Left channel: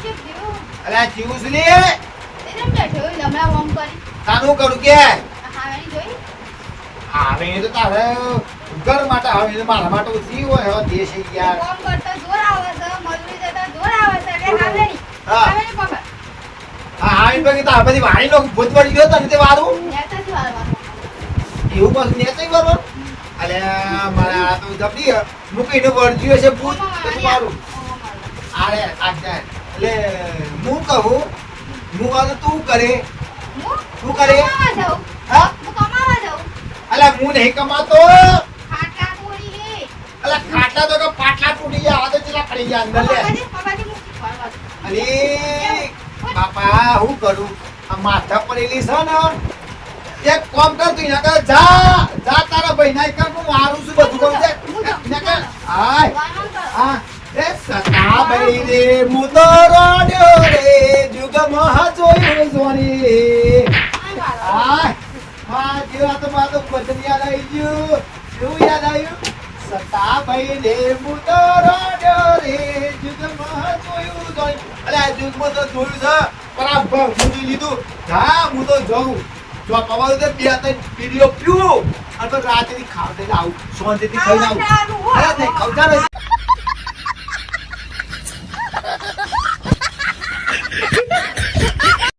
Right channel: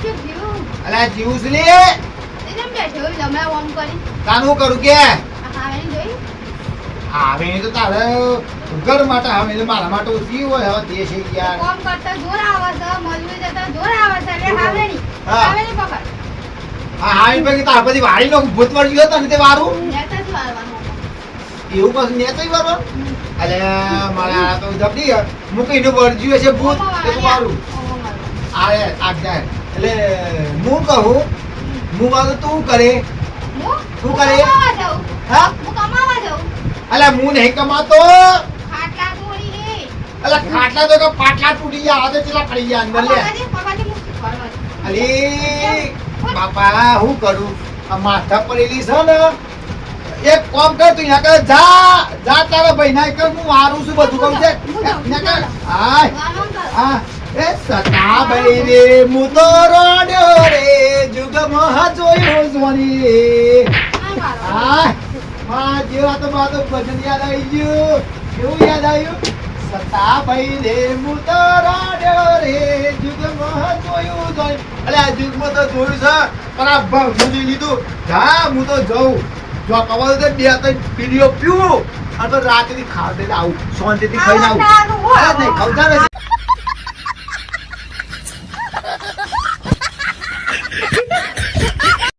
અલા જીવું છું લે એમ બેઠો લમડા ઓમ કરી તાનું કરું કે હાવેની જોઈ આવે તો તારે ઘર માટે આવે મારા માટે ઓછી હોય હવે દેશ યાર કોમ કરતા જોર આવે છે મજૂરી દેતા જોર આવે છે એટલે હાવેની હા. હાવેની પકડ હા હા એ પછી તાર બધી વાડીનો ભૂત વળી ગયો તને તે વારું નેતા જ વાળવાનું એવું પછી ને તઈ વારો અલે મારા તો જબડી મૂકીને વળજ્યું હશે ભૂત તે તો મારું આરે આજ્ઞા એટલે હું કહું હું વાળું તું કરે શું કરે? હા હું કમાવા જાઉં અલા હું નહીં કમાતો ખાટલા તોડી હે અલા ખાટલા તો કે પાટલા તૂટી ગયા આ તો ચેલા પડી ગયા અંદર લે પગાજી મુક્તિ કરવા અલી બાપા હું કરું આ માથા પડેલી છે ને એક કોમ કર તું યા કર જા જા તારા ભાઈ ના કર હું મારું છું બધું કરું છે ને કર આય આ એ સતા ભાઈ રે મુ તો રોડ્યો રે જુગમાં જોયો જોની આય હા જેવા તો માતો ભજન યાદ આવી ગયું કેવું યાદ આવ્યું સતા ભાઈ રે મુ તો રોડ્યો રે જુગમાં જોયું જોઈ અલે આ જુગમાં તો જોયું છે પણ આ ભજન લીધું જા હું તો જઉં જો પવાલ દે બે ત્રણ પીડીઓ પીવું અને રાતની ખાવ દે આવું શાંતિથી ખાઈને આવું અરે નહીં ખવજા